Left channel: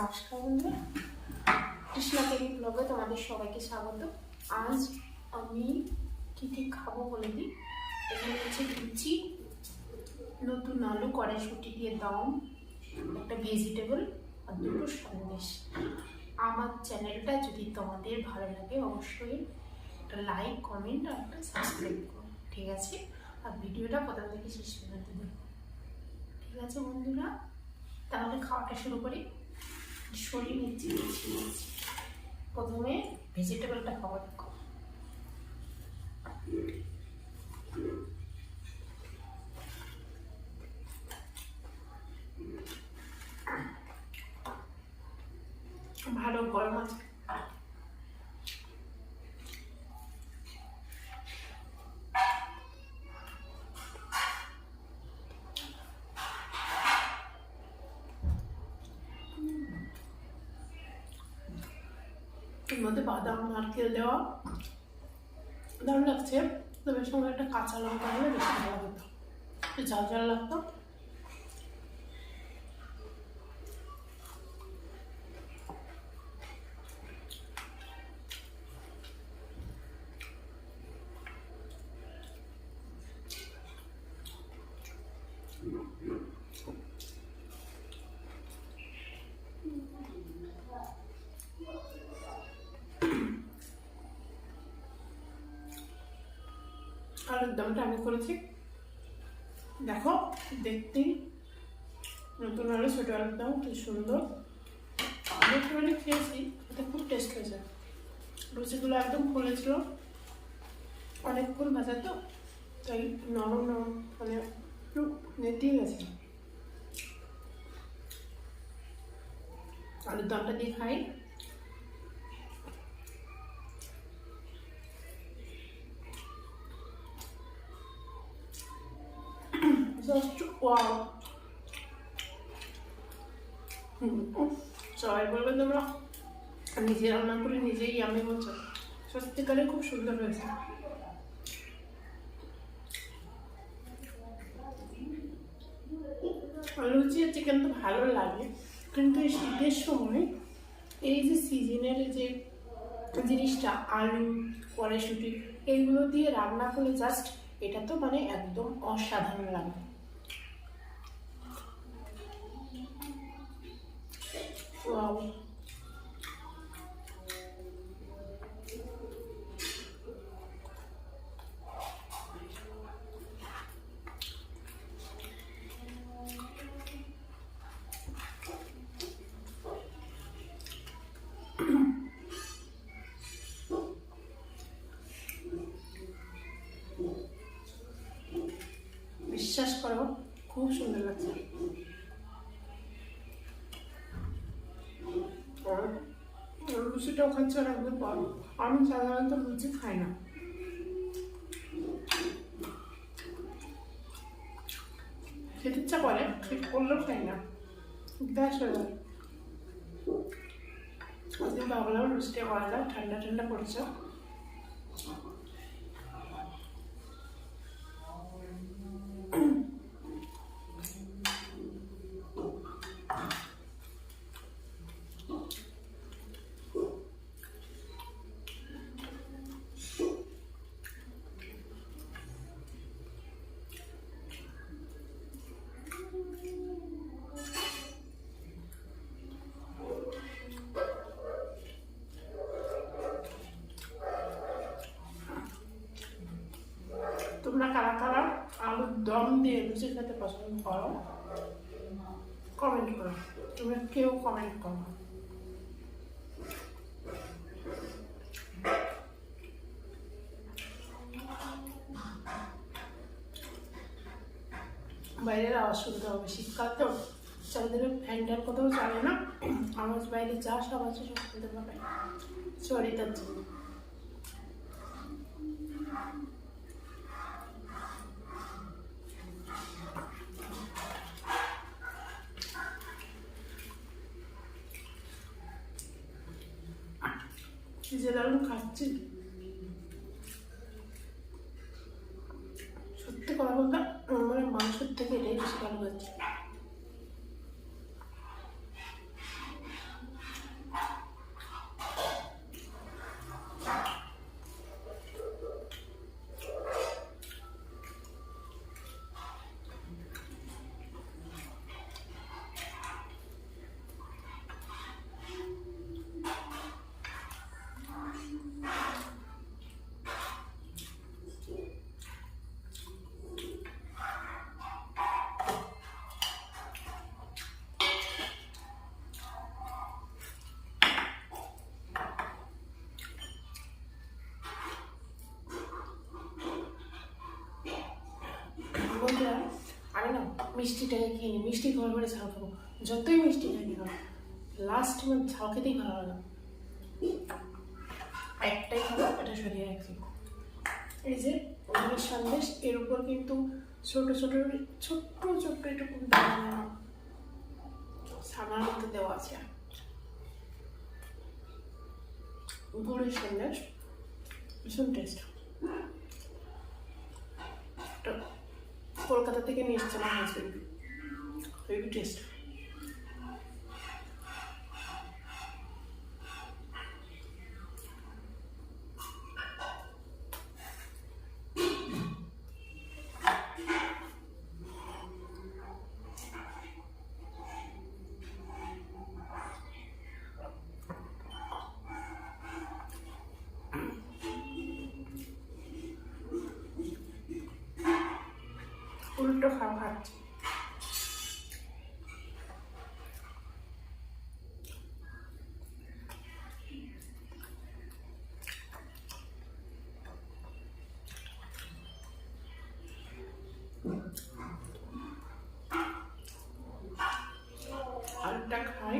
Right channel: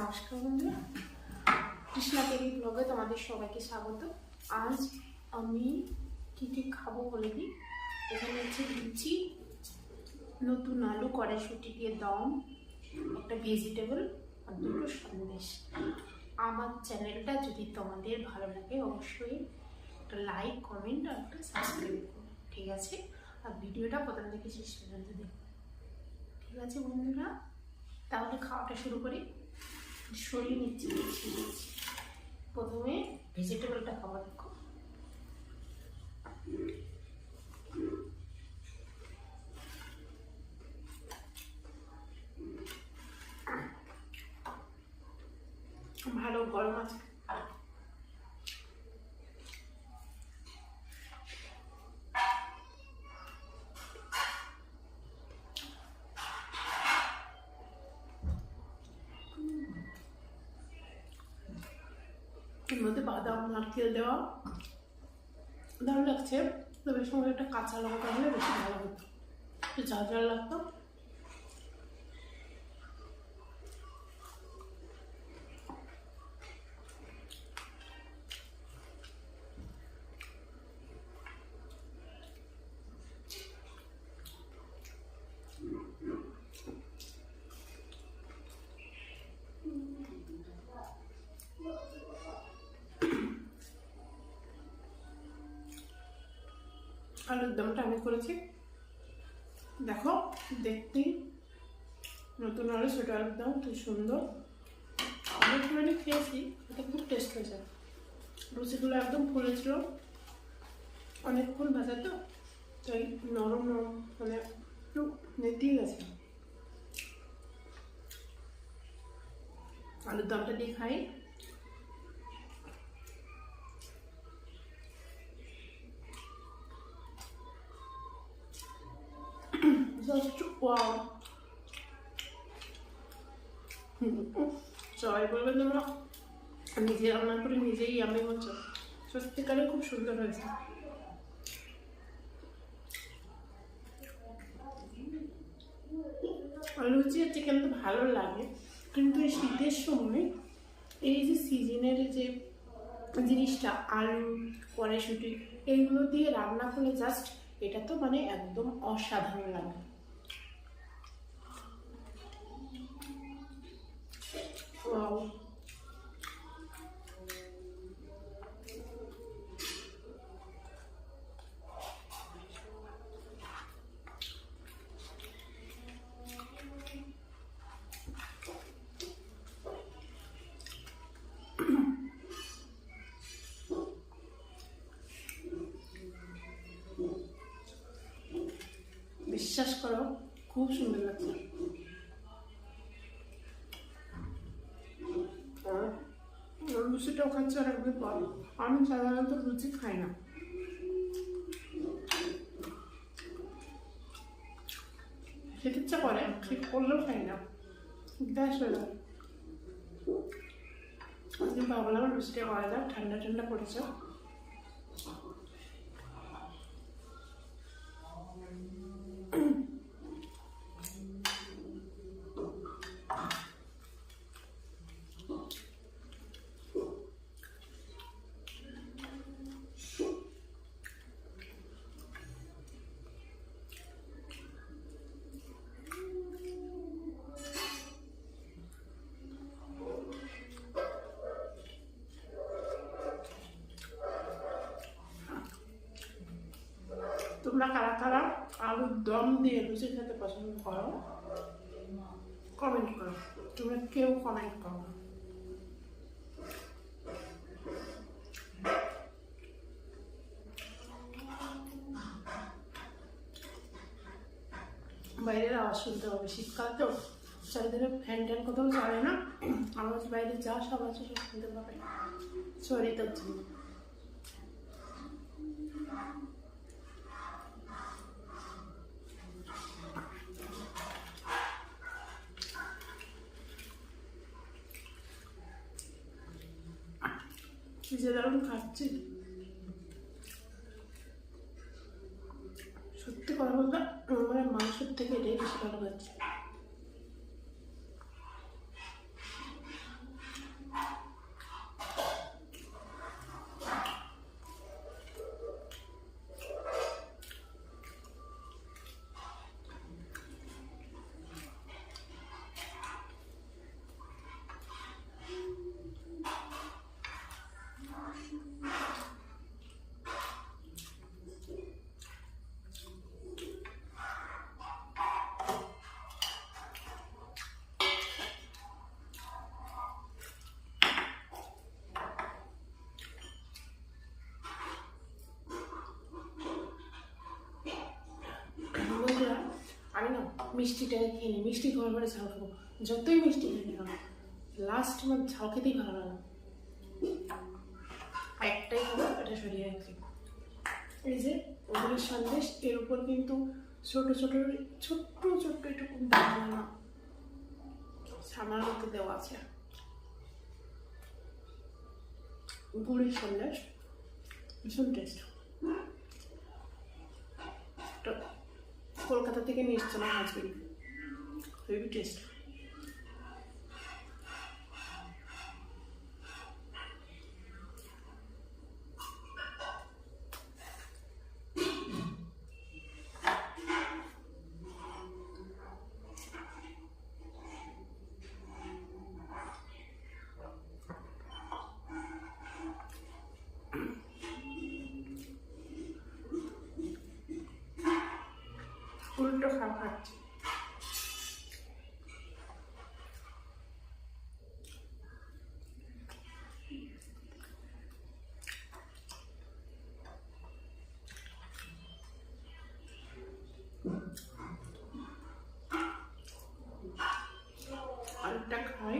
নমস্কার বন্ধুরা, কৃষ্ণা কেরি ব্লগে তোমাদের সবাইকে স্বাগত। আজ আমি কি খাবো বলে দিই। এখানে হচ্ছে লুচি, নতুন আলু কড়াইশুঁটি দিয়ে দম, একটা ভেজিটেবল আর দুটো সন্দেশ। আমার চ্যানেলটা যদি তোমাদের ভালো লাগে অবশ্যই একটা লাইক, কমেন্ট আর একটা সাবস্ক্রাইব করো, ঠিক আছে? আর ভিডিওটা প্রথম থেকে শেষ পর্যন্ত দেখো, ঠিক আছে বন্ধুরা? তাহলে খাওয়াটা শুরু করি। সরিয়ে নিচ্ছি। প্রথমে ভেজিটেবলটা খাওয়া দেখো। ভালো গরম আছে। এর মধ্যে বাদাম নারকেল দেওয়া দারুণ লাগছে, তবে সঙ্গে একটা কাঁচা লঙ্কা হলে বেশি ভালো হতো, একটু ঝাল ঝাল লাগতো। আলুর দমটা আমি করেছি, দেখো দেখতেই নতুন আলু, ছোটো আলুর দম কি সুন্দর। আমি একটুখানি খেয়েছি, এটা খুব টেস্ট হয়েছে। লুচিগুলো একদম ফুলেছিল, অনেকক্ষণ ভাজা তো, তাই নরম নরম মানে একটু নেতিয়ে গেছে। আলুর দমটা দিয়ে খাই। সবাই বলবে তোমরা নিজে রান্না করে নিজেই আমি বলছো, সত্যিকারে খুব সুন্দর হয়েছে। লুচি আর চিকেন তো ভালো লাগে, কিন্তু এই শীতের সময় এই যে সিজনের যে জিনিসটা আলু কড়াইশুঁটি এইগুলো দিয়ে রান্না করলে জাস্ট এটা তো মানে একদম অসাধারণ লাগে। ওয়াও, বিশ্বাস করো খুব সুন্দর লাগছে। লুচিটাও খাচ্ছি অনেকদিন পর। আমি সাধারণত লুচি খাই না, খেতে ইচ্ছা করে, খেতে করলেও খাই না, গ্যাস হয়ে যায়। আজকে ভাবলাম লুচিটা করা যায়, ঠান্ডা ঠান্ডা পড়েছে। তোমরা কারা কারা আলুর দম দিয়ে লুচি খেতে পছন্দ করো কমেন্ট করো, তোমরা কেউ কমেন্ট করো। বাইরের আওয়াজ শুনতে হবে, শীতকাল তো চারিদিকে ফ্যান ট্যান কোথাও চলে না, আওয়াজ বাইরে যা সব আছে সব শুনতে পাবে, সরি তার জন্য। কি যে দারুণ খাচ্ছি, সত্যি কথা বলতে আমার মাংসের থেকে এটাই বেশি ভালো লাগছে। মিষ্টিটাকে খেয়ে নিই, মিষ্টি খাওয়ার পরে ঝাল খাবো, যতই মিষ্টি খাই না কেন লাস্ট আমার ঝাল খেতেই ভালো লাগে। একটাই খাবো, এটা সরিয়ে রাখছি। এই যে ওদের সন্দেশ, এর উপর কিন্তু ছোট ছোট ছোট্ট ছোট্ট এটুকু দানা ছানার মতো দেওয়া আছে। গুড়ের সন্দেশ ভীষণ টেস্ট। কলকাতা থেকে নিয়ে এসছে আমার হাজবেন্ড, হেভি টেস্ট। উল্টো খাওয়া খাচ্ছে। আলুটা খাই।